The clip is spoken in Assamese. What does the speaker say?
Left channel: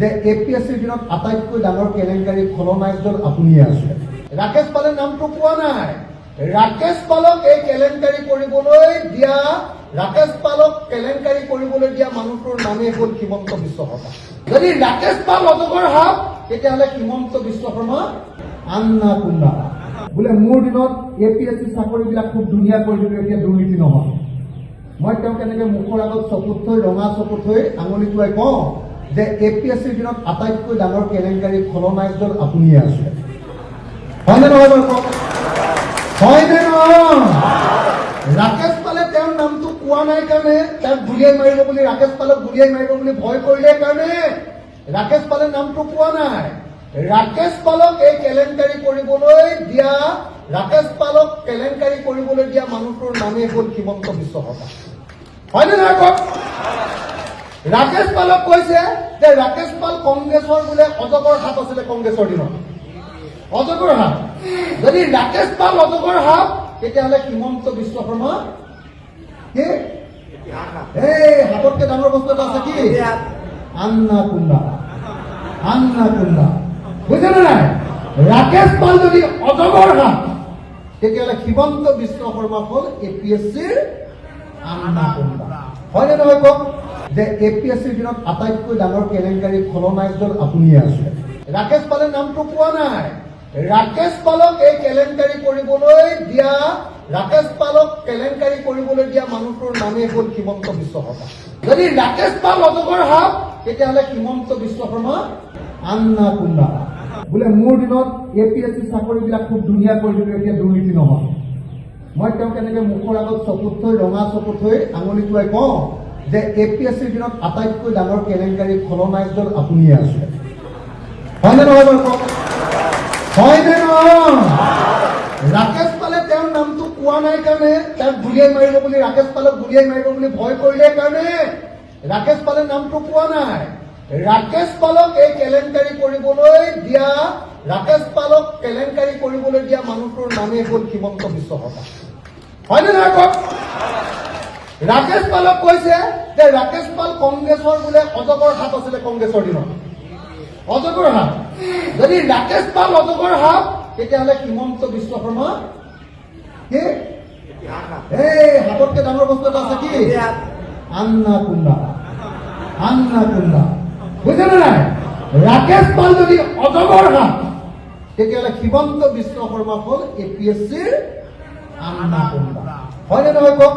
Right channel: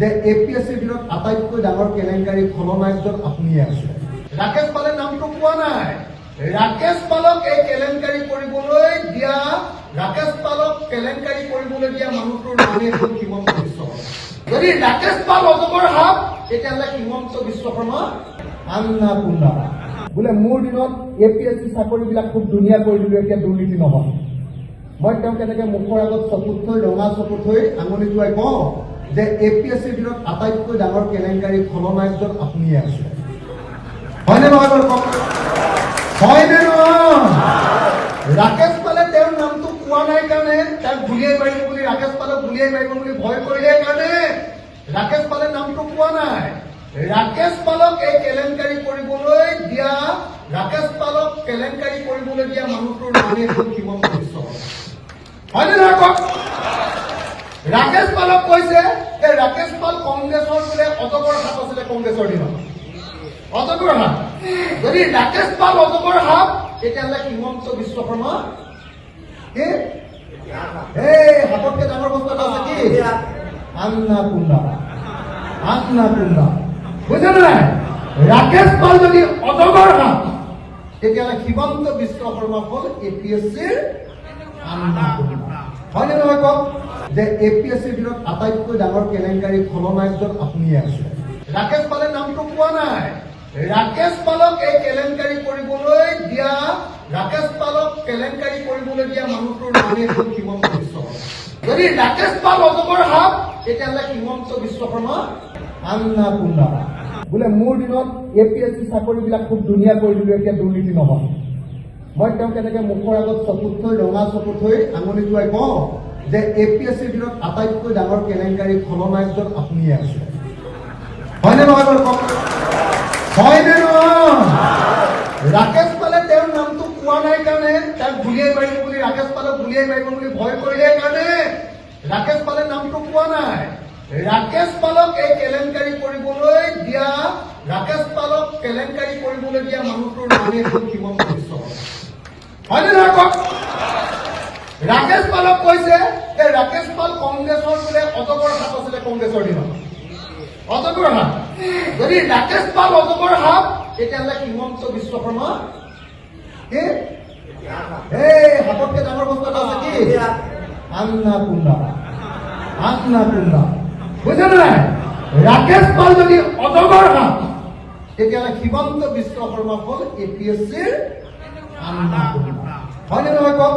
যে এপিএছচিৰ দিনত আটাইতকৈ ডাঙৰ কেলেংকাৰী খলনায়কজন আপুনিয়ে আছে। ৰাকেশ পালে নামটো পোৱা নাই। ৰাকেশ পালক এই কেলেংকাৰী কৰিবলৈ দিয়া, ৰাকেশ পালক কেলেংকাৰী কৰিবলৈ দিয়া মানুহটোৰ নামেই হ'ল হিমন্ত বিশ্ব শৰ্মা। যদি ৰাকেশ পাল অজগৰ সাপ, তেতিয়াহ'লে হিমন্ত বিশ্ব শৰ্মা আন্না কুন্না। বোলে মোৰ দিনত এপিএছচি চাকৰিবিলাক খুব ধুনীয়া কৰি দিলো, এতিয়া দুৰ্নীতি নহয়। মই তেওঁ কেনেকে মুখৰ আগত চকুত থৈ, ৰঙা চকুত থৈ আঙুলি টোৱাই কওঁ যে এপিএছচিৰ দিনত আটাইতকৈ ডাঙৰ কেলেংকাৰী খলনায়কজন আপুনিয়ে আছে। হয়নে নহয় বাৰু কওক? হয়নে নহয়? ৰাকেশ পালে তেওঁৰ নামটো কোৱা নাই কাৰণে, তেওঁক গুলিয়াই মাৰিব বুলি, ৰাকেশ পালক গুলিয়াই মাৰিব বুলি ভয় কৰিলে কাৰণে ৰাকেশ পালে নামটো কোৱা নাই। ৰাকেশ পালক এই কেলেংকাৰী কৰিবলৈ দিয়া, ৰাকেশ পালক কেলেংকাৰী কৰিবলৈ দিয়া মানুহটোৰ নামেই হ'ল হিমন্ত বিশ্ব শৰ্মা। হয়নে নহয় কওক? ৰাকেশ পালক কৈছে যে ৰাকেশ পাল কংগ্ৰেছৰ বোলে অজগৰ সাপ আছিলে কংগ্ৰেছৰ দিনত। অজগৰ সাপ। যদি ৰাকেশ পাল অজগৰ সাপ, তেতিয়াহ'লে হিমন্ত বিশ্ব শৰ্মা কি? এই সাপতকে ডাঙৰ বস্তু এটা আছে কি? আন্না কুন্না। আন্না কুন্না। বুজা নাই? ৰাকেশ পাল যদি অজগৰ সাপ, তেতিয়াহ'লে হিমন্ত বিশ্ব শৰ্মা হ'ল এপিএছচিৰ আন্না কুন্না। হয়নে নহয় কওক? যে এপিএছচিৰ দিনত আটাইতকৈ ডাঙৰ কেলেংকাৰী খলনায়কজন আপুনিয়ে আছে। ৰাকেশ পালে নামটো পোৱা নাই। ৰাকেশ পালক এই কেলেংকাৰী কৰিবলৈ দিয়া, ৰাকেশ পালক কেলেংকাৰী কৰিবলৈ দিয়া মানুহটোৰ নামেই হ'ল হিমন্ত বিশ্ব শৰ্মা। যদি ৰাকেশ পাল অজগৰ সাপ, তেতিয়াহ'লে হিমন্ত বিশ্ব শৰ্মা আন্না কুন্না। বোলে মোৰ দিনত এপিএছচি চাকৰিবিলাক খুব ধুনীয়া কৰি দিলো, এতিয়া দুৰ্নীতি নহয়। মই তেওঁ কেনেকে মুখৰ আগত চকুত থৈ, ৰঙা চকুত থৈ আঙুলি টোৱাই কওঁ যে এপিএছচিৰ দিনত আটাইতকৈ ডাঙৰ কেলেংকাৰী খলনায়কজন আপুনিয়ে আছে। হয়নে নহয় বাৰু কওক? হয়নে নহয়? ৰাকেশ পালে তেওঁৰ নামটো কোৱা নাই কাৰণে, তেওঁক গুলিয়াই মাৰিব বুলি, ৰাকেশ পালক গুলিয়াই মাৰিব বুলি ভয় কৰিলে কাৰণে ৰাকেশ পালে নামটো পোৱা নাই। ৰাকেশ পালক এই কেলেংকাৰী কৰিবলৈ দিয়া, ৰাকেশ পালক কেলেংকাৰী কৰিবলৈ দিয়া মানুহটোৰ নামেই হ'ল হিমন্ত বিশ্ব শৰ্মা। হয়নে নহয় কওক? ৰাকেশ পালক কৈছে যে ৰাকেশ পাল কংগ্ৰেছৰ বোলে অজগৰ সাপ আছিলে কংগ্ৰেছৰ দিনত। অজগৰ সাপ। যদি ৰাকেশ পাল অজগৰ সাপ, তেতিয়াহ'লে হিমন্ত বিশ্ব শৰ্মা কি? এই সাপতকে ডাঙৰ বস্তু এটা আছে কি? আন্না কুন্না। আন্না কুন্না। বুজা নাই? ৰাকেশ পাল যদি অজগৰ সাপ, তেতিয়াহ'লে হিমন্ত বিশ্ব শৰ্মা হ'ল এপিএছচিৰ আন্না কুন্না। হয়নে নহয় কওক?